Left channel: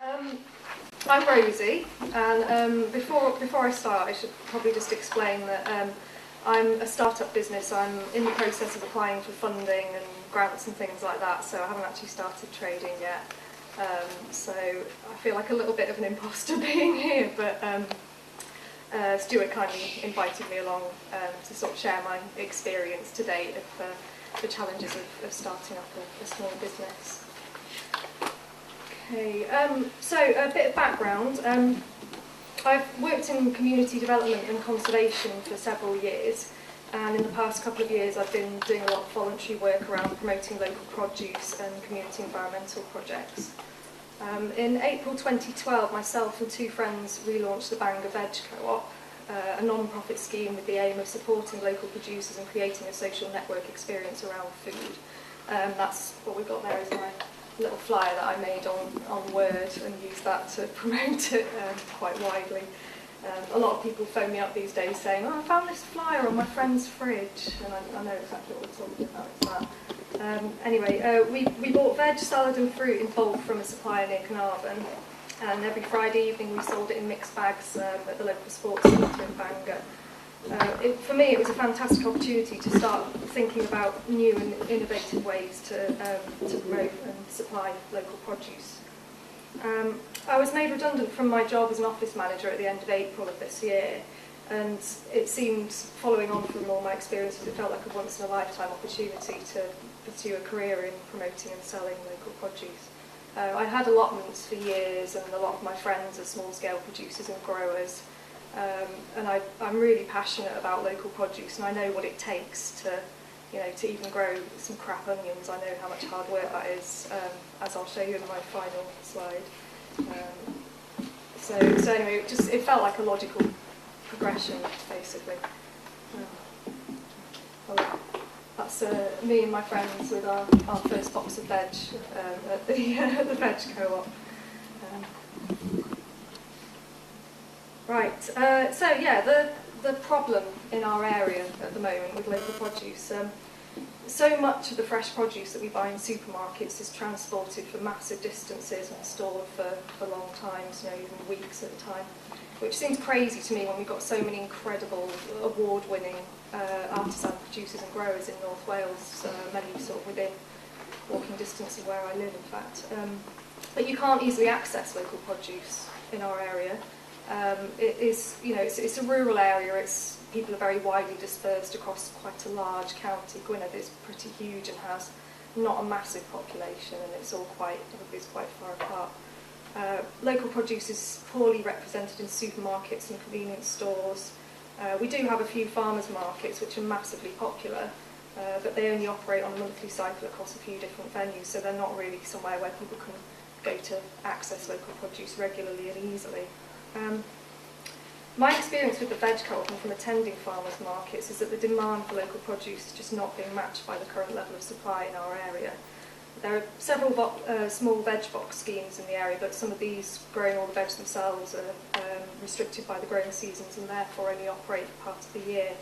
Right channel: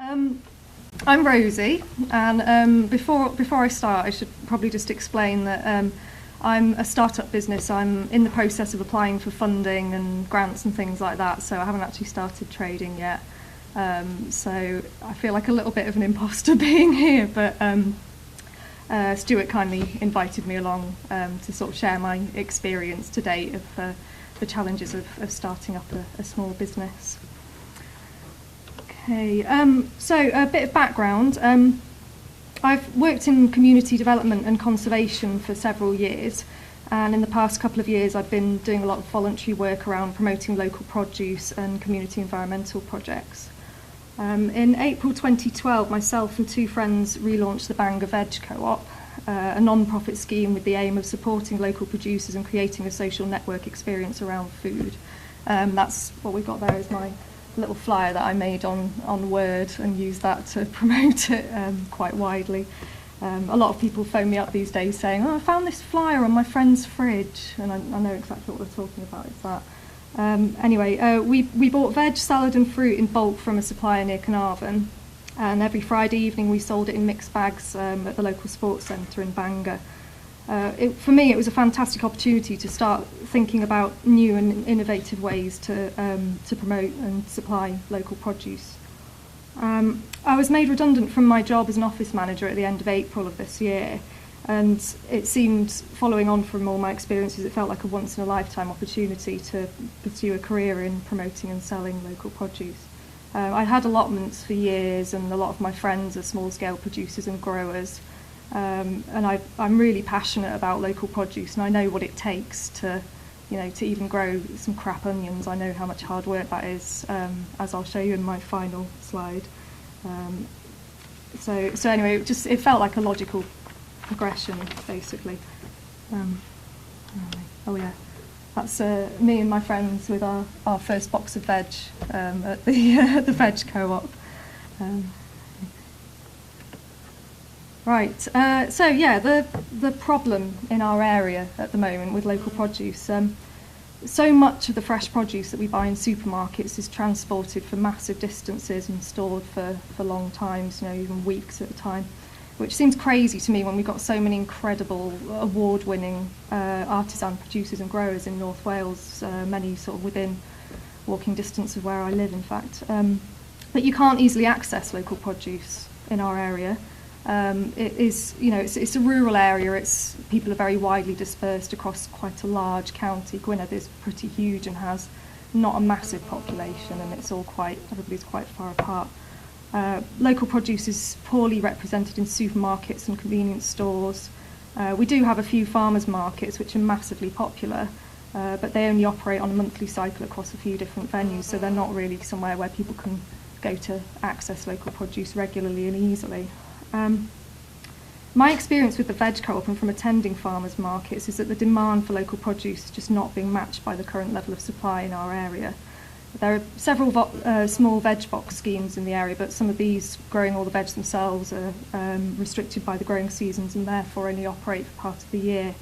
I'm Rosie, and before I start, I should probably just explain that I'm a startup business. I'm in the process of applying for funding and grants and things like that, so I haven't actually started trading yet. So I feel like a little bit of an imposter being here, but Stuart kindly invited me along to sort of share my experience to date of the challenges of starting up a small business. Okay, so a bit of background. I've worked in community development and conservation for several years, and in the past couple of years I've been doing a lot of voluntary work around promoting local produce and community environmental projects. In April 2012, myself and two friends relaunched the Bangor Veg Co-op, a non-profit scheme with the aim of supporting local producers and creating a social network experience around food. That's what we've got there is my little flyer that I made on Word and used that to promote it quite widely. A lot of people phone me up these days saying, "Oh, I found this flyer on my friend's fridge," and I know exactly what we're talking about. It's that. Anyway, we bought veg, salad and fruit in bulk from a supplier near Carnarvon, and every Friday evening we sold it in mixed bags at the local sports centre in Bangor. For me, it was a fantastic opportunity to start thinking about new and innovative ways to promote and supply local produce. I was made redundant from my job as an office manager at the end of April of this year, and it seemed, following on from all my experiences, it felt like a once-in-a-lifetime opportunity to pursue a career in promoting and selling local produce. I had allotments for years, and a lot of my friends are small-scale producers and growers. And I'm really passionate about local produce, and I know what it takes to even grow some crap onions. I know how much hard work that is, as I'll show you in my final slide. So anyway, it felt like a logical progression, basically. Oh yeah, that's me and my friends with our first box of veg at the Veg Co-op. Right, so yeah, the problem in our area at the moment with local produce, so much of the fresh produce that we buy in supermarkets is transported for massive distances and stored for long times, even weeks at a time, which seems crazy to me when we've got so many incredible award-winning artisan producers and growers in North Wales, many sort of within walking distance of where I live, in fact. But you can't easily access local produce in our area. It's a rural area. People are very widely dispersed across quite a large county. Gwynedd is pretty huge and has not a massive population, and everybody's quite far apart. Local produce is poorly represented in supermarkets and convenience stores. We do have a few farmers markets which are massively popular, but they only operate on a monthly cycle across a few different venues, so they're not really somewhere where people can go to access local produce regularly and easily. My experience with the Veg Co-op and from attending farmers markets is that the demand for local produce is just not being matched by the current level of supply in our area. There are several small veg box schemes in the area, but some of these, growing all the veg themselves, are restricted by the growing seasons and therefore only operate for part of the year.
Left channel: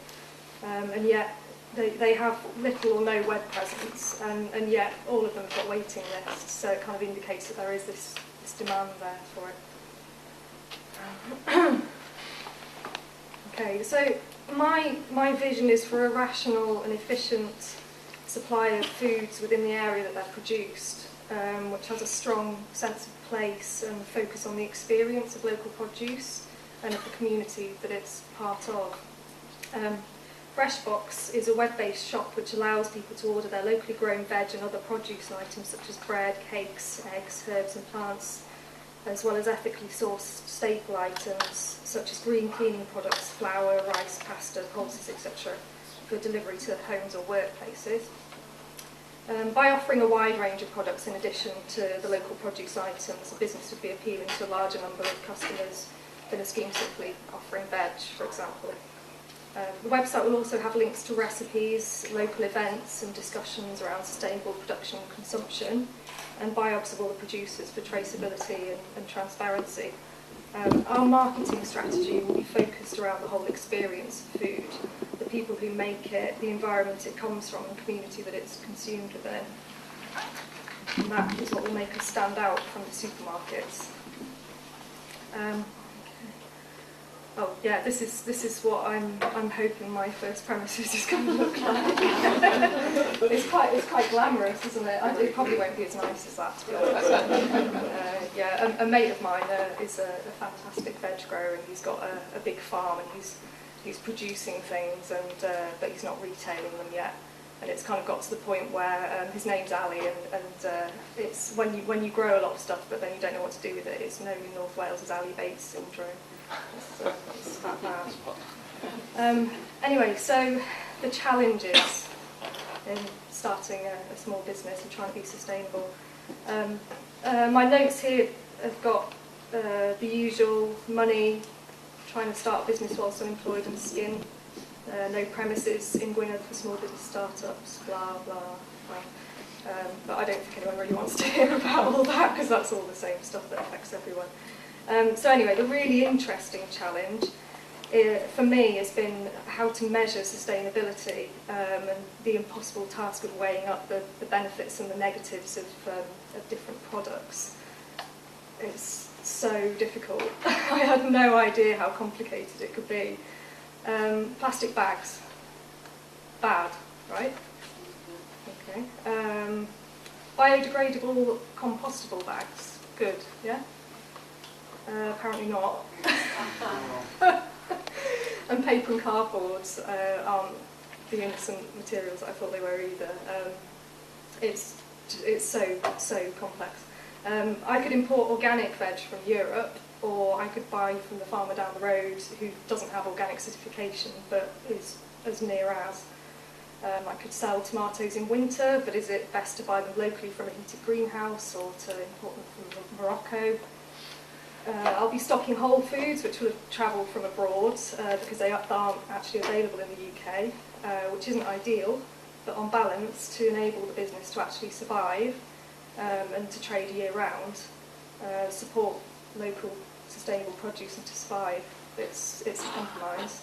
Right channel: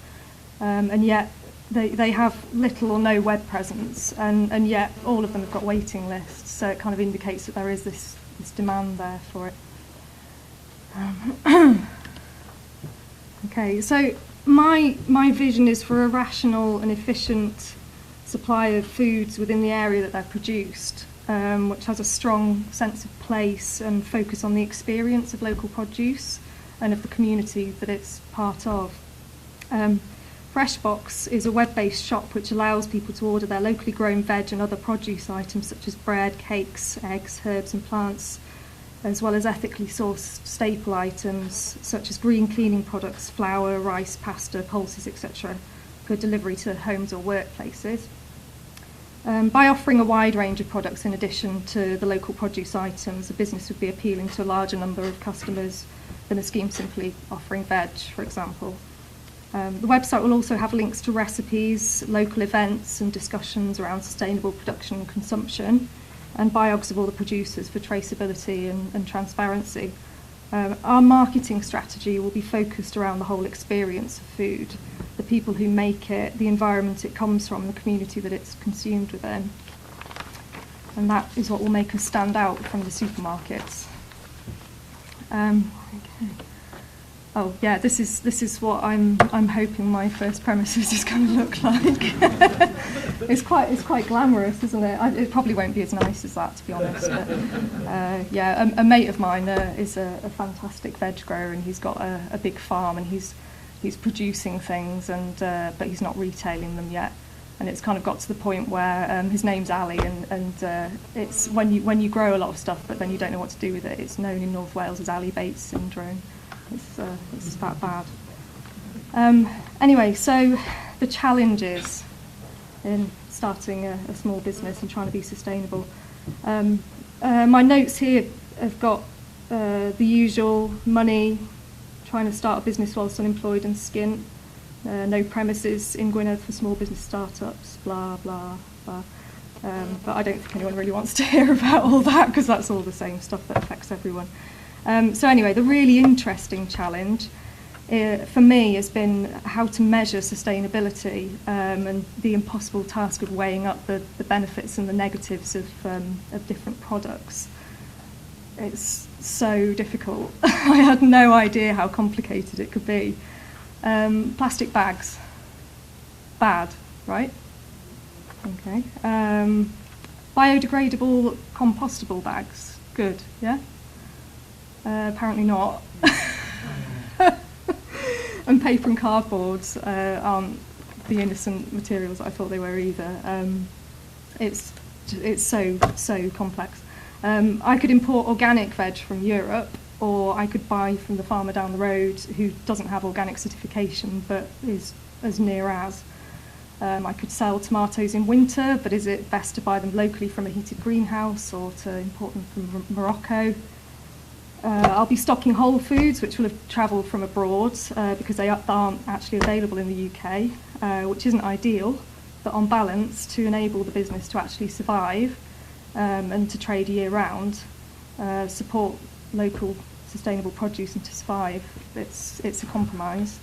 And yet they have little or no web presence, and yet all of them have got waiting lists, so it kind of indicates that there is this demand there for it. Okay, so my vision is for a rational and efficient supply of foods within the area that they're produced, which has a strong sense of place and focus on the experience of local produce and of the community that it's part of. Freshbox is a web-based shop which allows people to order their locally grown veg and other produce items such as bread, cakes, eggs, herbs and plants, as well as ethically sourced staple items such as green cleaning products, flour, rice, pasta, pulses, etc., for delivery to homes or workplaces. By offering a wide range of products in addition to the local produce items, the business would be appealing to a larger number of customers than a scheme simply offering veg, for example. The website will also have links to recipes, local events and discussions around sustainable production and consumption, and biogs of all the producers for traceability and transparency. Our marketing strategy will be focused around the whole experience of food, the people who make it, the environment it comes from, and the community that it's consumed within. And that is what will make us stand out from the supermarkets. Okay. Oh yeah, this is what I'm hoping my first premises is going to look like. It's quite glamorous, isn't it? It probably won't be as nice as that, to be honest. Yeah, a mate of mine is a fantastic veg grower, and he's got a big farm, and he's producing things, and but he's not retailing them yet. And it's kind of got to the point where his name's Ali, and it's when you grow a lot of stuff, but then you don't know what to do with it. It's known in North Wales as Ali Bates syndrome. It's that bad. Anyway, so the challenges in starting a small business and trying to be sustainable. My notes here have got the usual: money, trying to start a business whilst unemployed and skint, no premises in Gwynedd for small business startups, blah, blah, blah. But I don't think anyone really wants to hear about all that, because that's all the same stuff that affects everyone. So anyway, the really interesting challenge for me has been how to measure sustainability, and the impossible task of weighing up the benefits and the negatives of different products. It's so difficult. I had no idea how complicated it could be. Plastic bags, bad, right? Okay. Biodegradable, compostable bags, good, yeah? Apparently not. And paper and cardboards aren't the innocent materials that I thought they were either. It's so complex. I could import organic veg from Europe, or I could buy from the farmer down the road who doesn't have organic certification but is as near as. I could sell tomatoes in winter, but is it best to buy them locally from a heated greenhouse or to import them from Morocco? I'll be stocking whole foods, which will have travelled from abroad because they aren't actually available in the UK, which isn't ideal, but on balance, to enable the business to actually survive and to trade year-round, support local sustainable produce and to survive, it's a compromise.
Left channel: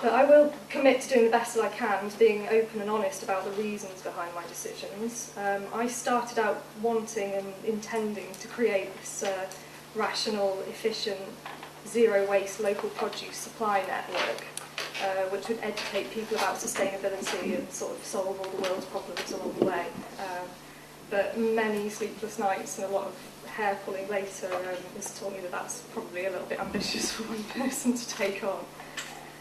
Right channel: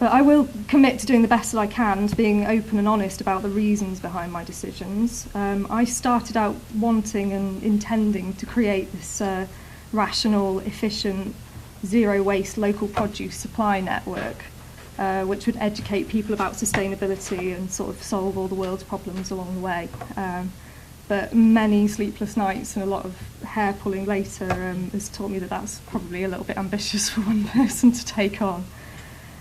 But I will commit to doing the best that I can, to being open and honest about the reasons behind my decisions. I started out wanting and intending to create this rational, efficient, zero-waste local produce supply network, which would educate people about sustainability and sort of solve all the world's problems along the way. But many sleepless nights and a lot of hair pulling later has taught me that that's probably a little bit ambitious for one person to take on.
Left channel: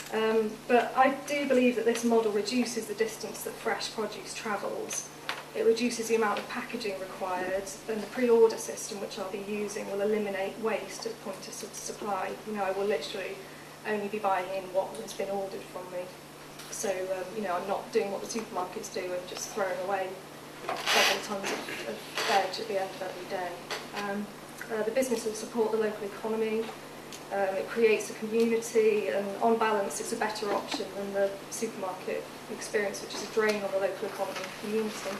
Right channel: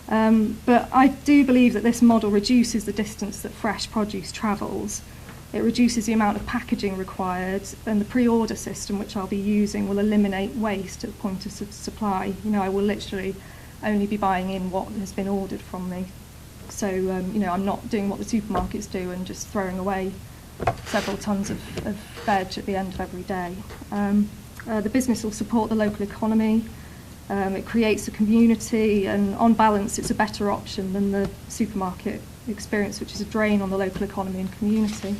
But I do believe that this model reduces the distance that fresh produce travels. It reduces the amount of packaging required, and the pre-order system which I'll be using will eliminate waste at the point of supply. You know, I will literally only be buying in what has been ordered from me. So, you know, I'm not doing what the supermarkets do and just throwing away several tons of veg at the end of every day. The business will support the local economy. It creates a community, and on balance it's a better option than the supermarket experience, which is a drain on the local economy and community.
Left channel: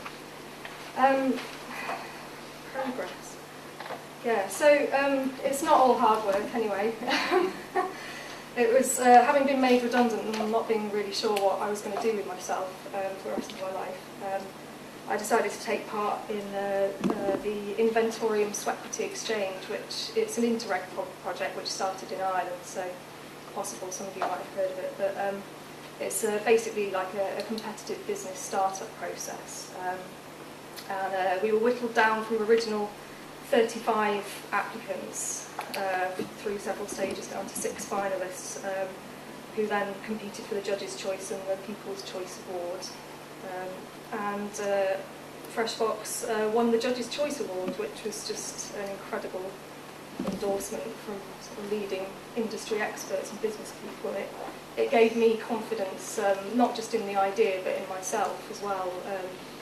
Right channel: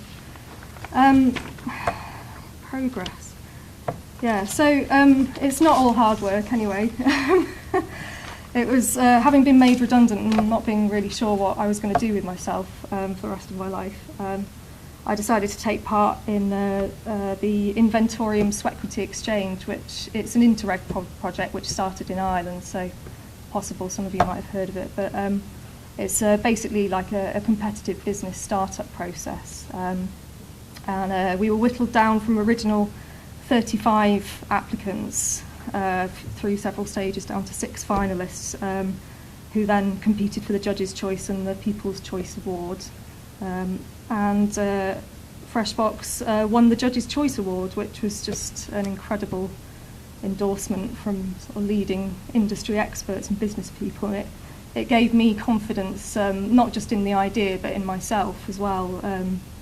Progress. Yeah, so it's not all hard work anyway. It was having been made redundant and not being really sure what I was going to do with myself for the rest of my life. I decided to take part in the Inventorium Swequity Exchange, which it's an Interreg project which started in Ireland, so possible some of you might have heard of it, but it's basically like a competitive business startup process. And we were whittled down from original 35 applicants through several stages down to 6 finalists, who then competed for the Judges' Choice and the People's Choice Award. And Fresh Bocs won the Judges' Choice Award, which was just an incredible endorsement from sort of leading industry experts and business people. It gave me confidence, not just in the idea, but in myself as well,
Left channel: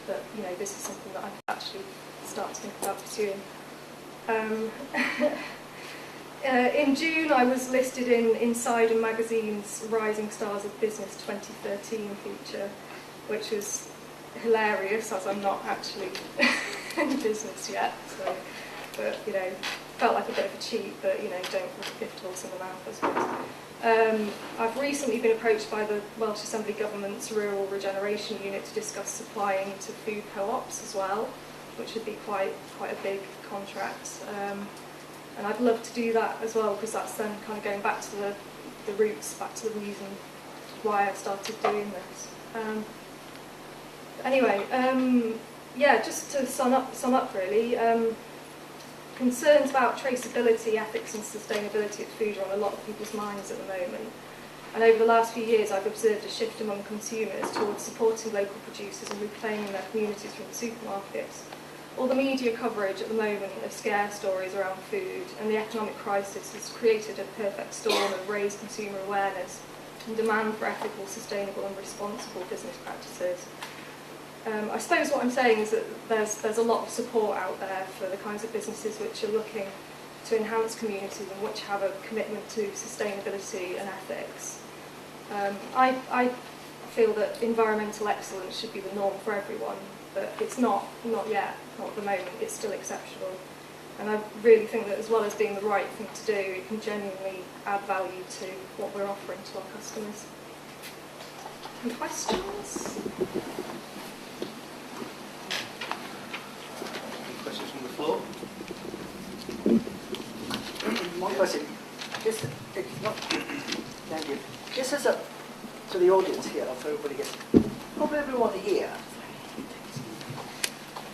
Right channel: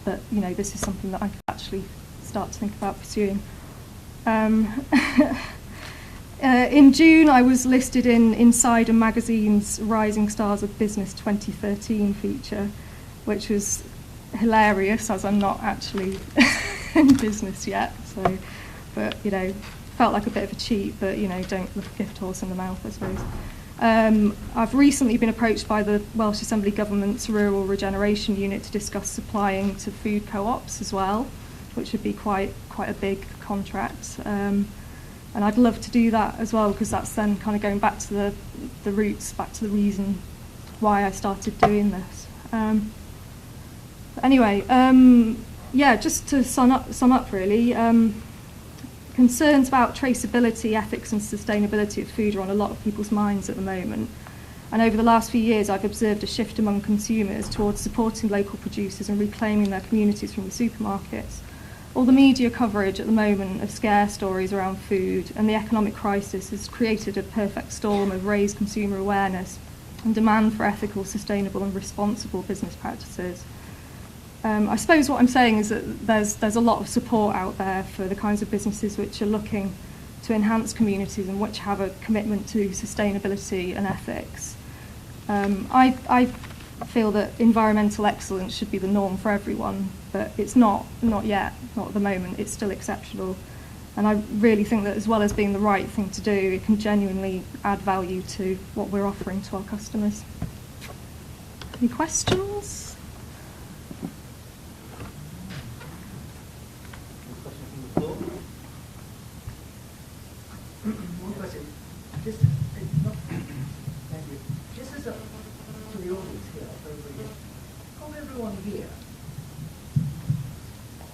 that, you know, this is something that I could actually start to think about pursuing. In June, I was listed in Insider Magazine's Rising Stars of Business 2013 feature, which was hilarious, as I'm not actually in business yet. So, but you know, felt like a bit of a cheat. But you know, don't look a gift horse in the mouth, I suppose. I've recently been approached by the Welsh Assembly Government's Rural Regeneration Unit to discuss supplying to food co-ops as well, which would be quite a big contract. And I'd love to do that as well, because that's then kind of going back to the roots, back to the reason why I started doing this. Anyway, yeah, just to sum up really, concerns about traceability, ethics and sustainability of food are on a lot of people's minds at the moment. And over the last few years, I've observed a shift among consumers towards supporting local producers and reclaiming their communities from the supermarkets. All the media coverage at the moment of scare stories around food and the economic crisis has created a perfect storm of raised consumer awareness and demand for ethical, sustainable and responsible business practices. I suppose what I'm saying is that there's a lot of support out there for the kinds of businesses which are looking to enhance communities and which have a commitment to sustainability and ethics. I feel that environmental excellence should be the norm for everyone, but it's not yet, not at the moment. It's still exceptional. And I really think that as well as being the right thing to do, it can genuinely add value to what we're offering to our customers. Any questions? Questions from the floor? One question. Just, it's not, thank you. Just as a, to the audience here, for everybody here, hope everyone here,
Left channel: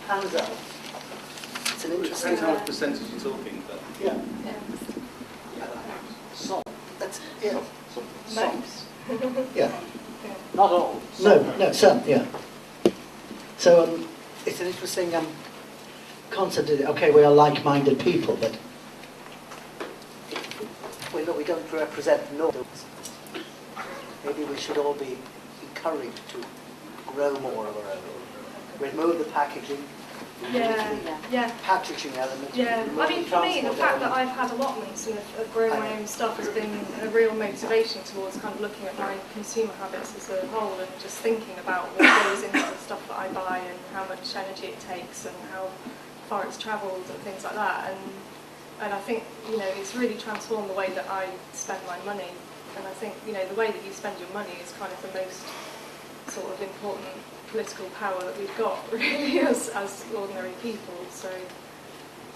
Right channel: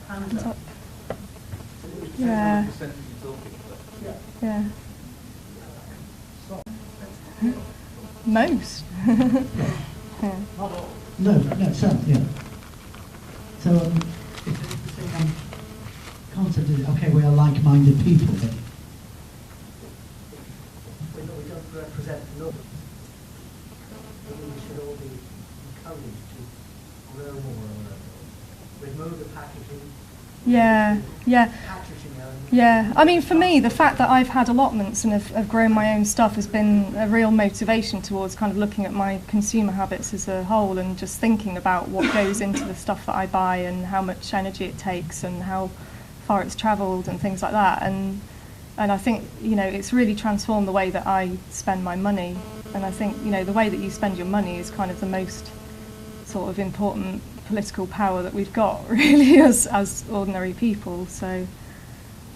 hands up. It's an It interesting. depends Yeah. on what percentage you're talking about. Yeah. Yeah. So, that's, yeah. Most. Yeah. Yeah. Not all. No, some, yeah. So It's an interesting, concept is, okay, we are like-minded people, but we don't represent norms. Maybe we should all be encouraged to grow more of our own. Remove the packaging. Yeah. Yeah. Packaging element. Yeah, I mean, for me, the fact that I've had allotments and have grown my own stuff has been a real motivation towards kind of looking at my consumer habits as a whole and just thinking about what goes into the stuff that I buy and how much energy it takes and how far it's travelled and things like that. And I think, you know, it's really transformed the way that I spend my money. And I think, you know, the way that you spend your money is kind of the most sort of important political power that we've got, really, as ordinary people. So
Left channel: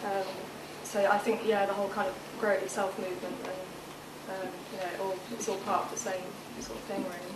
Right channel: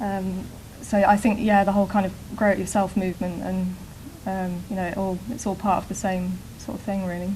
I think, yeah, the whole kind of grow it yourself movement and, you know, it's all part of the same sort of thing, really.